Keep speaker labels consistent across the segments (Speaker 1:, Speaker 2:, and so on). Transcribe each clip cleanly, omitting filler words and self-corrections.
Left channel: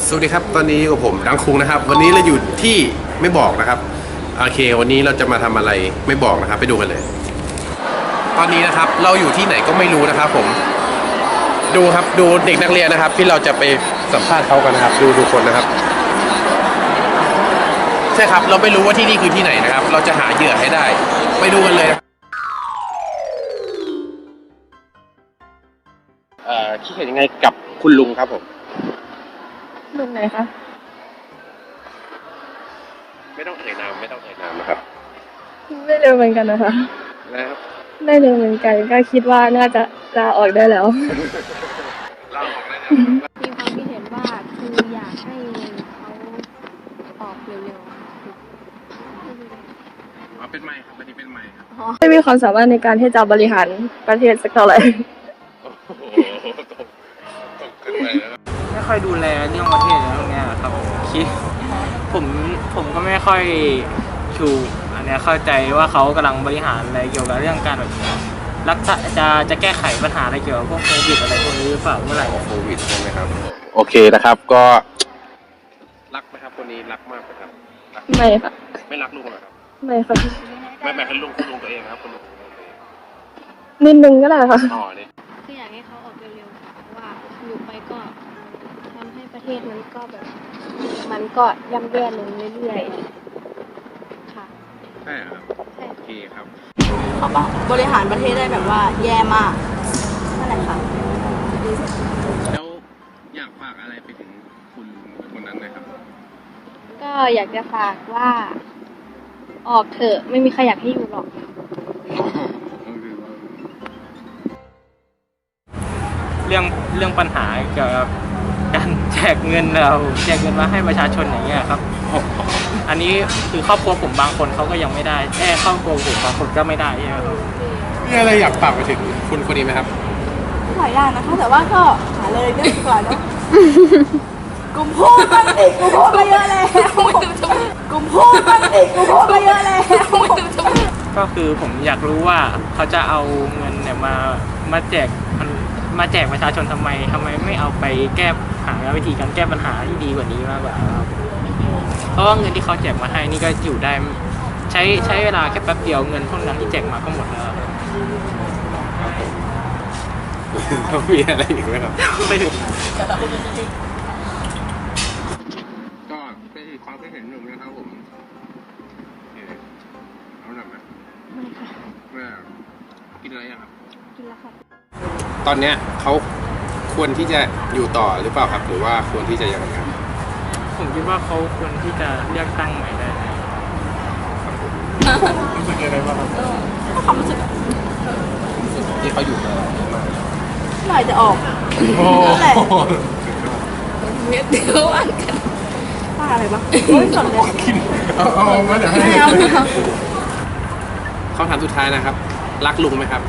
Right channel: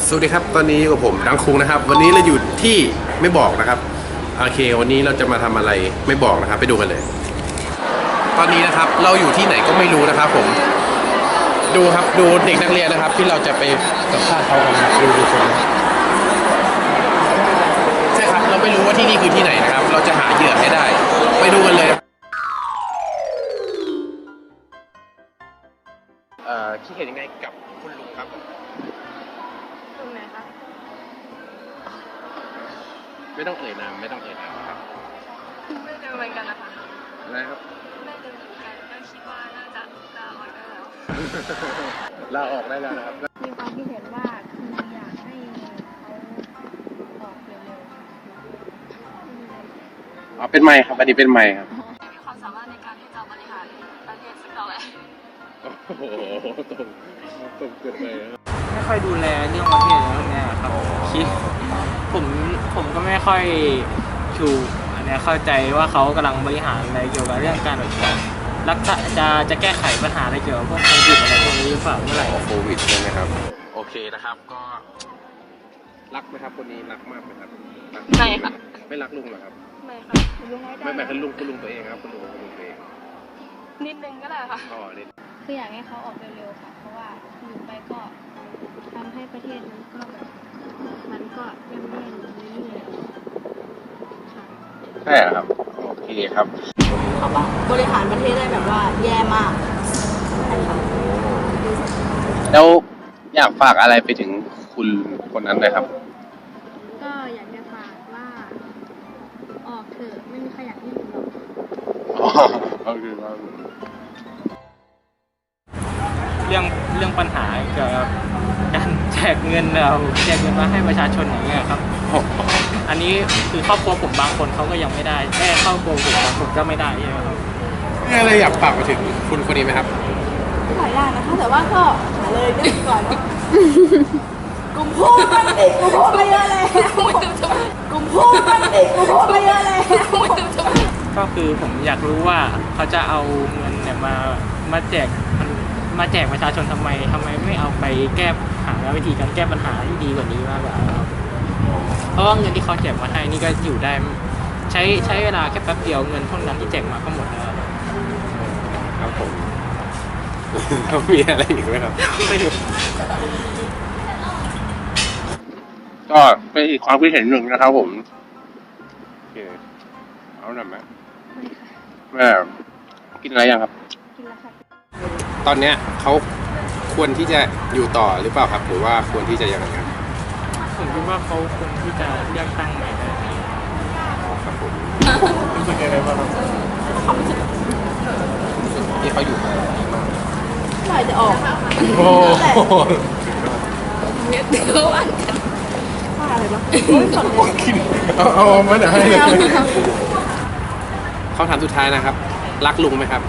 Speaker 1: สวัสดีครับตอนนี้อยู่กับผมดังคุงนะครับวันนี้เราอยู่ที่ไม่บอกนะครับโอเควันนี้เราจะมาทำอะไรไม่บอกนะครับไปดูกันเลย ตอนนี้นะครับเราอยู่ที่ไหนก็ไม่รู้นะครับผมดูครับดูเด็กนักเรียนนะครับ ที่เราจะไปสัมภาษณ์เขากันนะครับดูคนนะครับใช่ครับเราไม่รู้ว่าที่นี่คือที่ไหนนะครับ เราจะหาเหยื่อให้ได้ไปดูกันเลยคิดเห็นยังไงกับคุณลุงครับผม
Speaker 2: ลุงไหนคะ
Speaker 1: ไม่ต้องเอ่ยนามนะครับ
Speaker 2: ไม่เร็วเหมือนกันนะคะ
Speaker 1: นะครับ
Speaker 2: ไม่เร็วเหมือนกันก็คิดว่าน่าจะลาออกได้แล้ว
Speaker 1: ลาออกได้แล้วนะครับ
Speaker 3: มีความคิดเห็นว่าคืออยากให้เขาออกเร็ว
Speaker 1: ๆเป็นไมค์ครับอันนี้เป็นไมค์ครับ
Speaker 2: ไม่มีความสามารถในการที่จะบริหารประเทศสักเท่าไหร่
Speaker 1: โอ้โหตรงเกินไปนะครับ
Speaker 4: ไม่ค่อยดูแลเรื่องประเทศอะไรพวกนี้ครับคิดผมก็ไม่ค่อยชูอันนี้เข้าใจว่าเขากำลังบริหารอะไรเกี่ยวกับเรื่องการแบบรักษาจะแก้ไขปัญหาอะไรเกี่ยวกับพวกโควิดอะไรพวกนี้หรือเปล่าเมื่อไหร่
Speaker 1: โควิดใช่ไหมครับโอเคนะครับก็รักไหมครับคนนี้รักมากไหมครับ
Speaker 2: ไม่ค่ะ
Speaker 1: ไม่รักลุงเหรอครับ
Speaker 2: ไม่ค่ะ
Speaker 1: ไม่คุณลุงตัวเองครับคุณลุงตัวเอง
Speaker 2: นิดนึงก็ได้ค่ะ
Speaker 1: อ๋อนี่
Speaker 3: คืออยากให้เขาออกเร็วๆค่ะเพราะว่าอยู่ไปก็ทำให้ประเทศมันก็แบบมันก็ย่ำแย่ลงเรื่อยๆค่ะ
Speaker 1: ใช่ครับโอเคครับ
Speaker 5: เขาบริหารประเทศได้แบบว่าแย่มากนั่นแหละค่ะ
Speaker 1: แล้วอยากฝากอะไรไปถึงคุณคนนั้นเลยครับ
Speaker 3: ก็อยากจะฝากว่าออกเถอะไม่มีใครอยากให้อยู่หรอก
Speaker 4: เรื่องปัญหาเกี่ยวกับการแจกเงินมาให้ประชาชนอย่างเงี้ยครับอันนี้คือครอบครัวผมบางคนเขาก็ยังไม่ได้แต่ครอบครัวผมบางคนก็ไม่ได้ใช่ไหมครับ
Speaker 1: มีอะไรอยากฝากไปถึงคุณคนนี้ไหมครับ
Speaker 5: หลายอย่างนะคะแต่ว่าก็หาเลยดีกว่าเนาะกลุ่มพูดมันเด็กกลุ่มพูดไปเยอะแล้วกลุ่มพูดมันเด็กกลุ่มพูดไปเยอะแล้ว
Speaker 4: ก็คือผมอยากรู้ว่าเขาจะเอาเงินเนี่ยมาแจกประชาชนทำไมไม่เอาไปหาวิธีการแก้ปัญหาที่ดีกว่านี้มากกว่าครับเพราะว่าเงินที่เขาแจกมาให้นี่ก็อยู่ได้ใช้เวลาแค่แป๊บเดียวเงินพวกนั้นที่แจกมาก็หมดแล้ว
Speaker 1: ครับผมต้องมีอะไรอีกไหมครับไม่ถึงก็เป็นอีกความคิดเห็นหนึ่งนะครับผมเอาหน่อยไหมแม่กินอะไรยังครับ
Speaker 3: กินแล้วค่ะ
Speaker 1: ตอนเนี้ยเขาควรที่จะอยู่ต่อหรือเปล่าครับหรือว่าควรที่จะยังไงครับ
Speaker 4: ผมคิดว่าเขาควรที่จะเลือกตั้งใหม่ได้
Speaker 1: ครับผม
Speaker 4: รู้สึกยังไงบ้างครับ
Speaker 5: ความรู้สึก
Speaker 1: ที่เขาอยู่มา
Speaker 5: เมื่อไหร่จะออก
Speaker 1: โอ้
Speaker 5: เดี๋ยวอันกันว่าอะไรบ้างโอ้ยสนเลย
Speaker 1: กินเอามาเดี๋ยวให้คำถามสุดท้ายนะครับรักลุงไหมครับ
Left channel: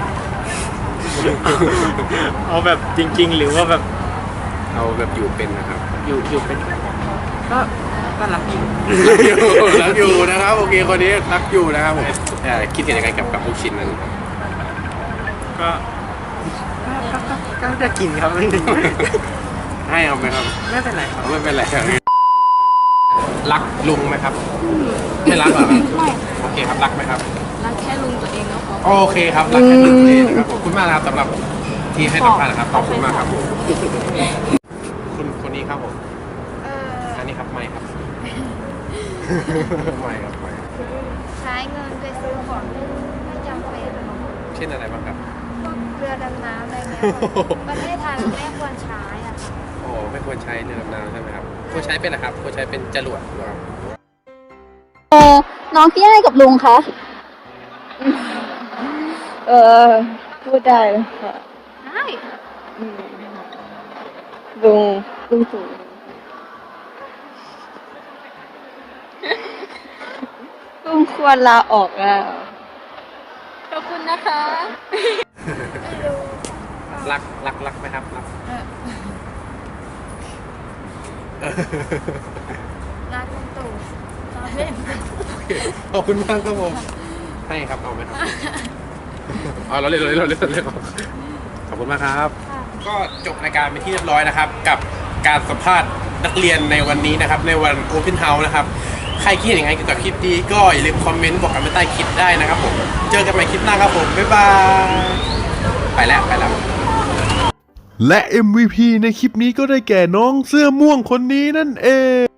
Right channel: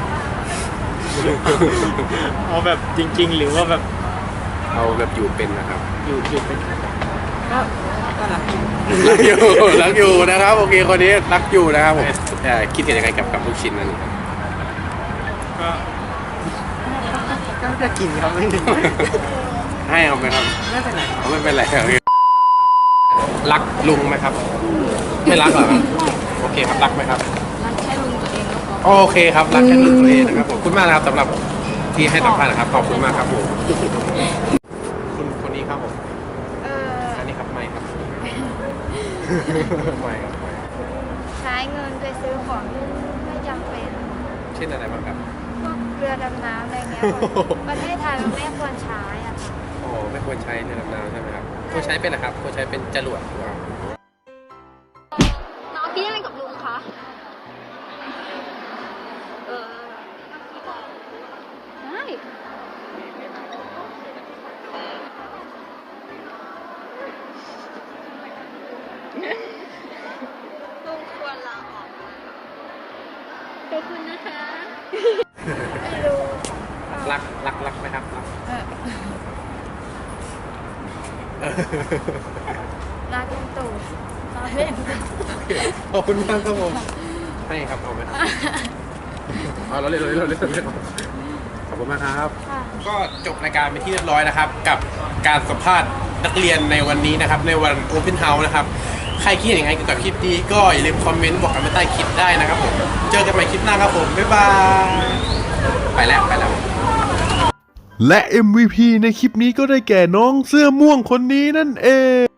Speaker 4: เอาแบบจริงๆหรือว่าแบบ
Speaker 1: เอาแบบอยู่เป็นนะครับ
Speaker 4: อยู่เป็นก็รักอยู่
Speaker 1: รักอยู่นะครับโอเคคนนี้รักอยู่นะครับผมคิดเห็นยังไงกับลูกชิ้นนั้น
Speaker 4: ก็จะกินครับ
Speaker 1: ให้เอาไหมครับ
Speaker 4: ไม่เป็นไร
Speaker 1: ไม่เป็นไรรักลุงไหมครับไม่รักเหรอครับโอเคครับรักไหมครับ
Speaker 5: รักแค่ลุงตัวเองก็พอ
Speaker 1: โอเคครับรักแค่ลุงตัวเองนะครับขอบคุณมากนะครับสำหรับที่ให้สัมภาษณ์นะครับขอบคุณมากครับผมคุณคนนี้ครับผมอันนี้ครับไม่ครับไม่ครับไม่
Speaker 3: ใช้เงินไปซื้อของไม่จำเป็น
Speaker 1: เช่นอะไรบ้างครับ
Speaker 3: พวกเรือดำน้ำอะไรเงี้ยประเทศไทยมันไม่ควรใช้อ่ะค่ะ
Speaker 1: โอ้ไม่ควรใช้เรือดำน้ำใช่ไหมครับควรใช้เป็นนะครับควรใช้เป็นจรวดหรือเปล่า
Speaker 5: น้องคิดยังไงกับลุงคะ
Speaker 2: พูดได้เลยค่ะ
Speaker 3: ได้
Speaker 2: ลุงสูงลุงควรลาออกอ่ะ
Speaker 3: ขอบคุณนะคะ
Speaker 1: ไม่รู้รักไหมครับ
Speaker 3: รักลุงตู่เล่น
Speaker 1: ขอบคุณมากครับผมให้ครับเอาไหมครับเราเล่นขอบคุณมากครับก็จบรายการไปที่เรียบร้อยนะครับกับการสัมภาษณ์นักเรียนในวันนี้นะครับในวัน Open House นะครับใครคิดเห็นยังไงเกี่ยวกับคลิปนี้ก็อย่าลืมคอมเมนต์บอกกันไว้ใต้คลิปได้นะครับผมเจอกันใหม่คลิปหน้าครับผมบ๊ายบายไปแล้ว
Speaker 6: และ MVP ในคลิปนี้ก็ได้แก่น้องเสื้อม่วงคนนี้นั่นเอง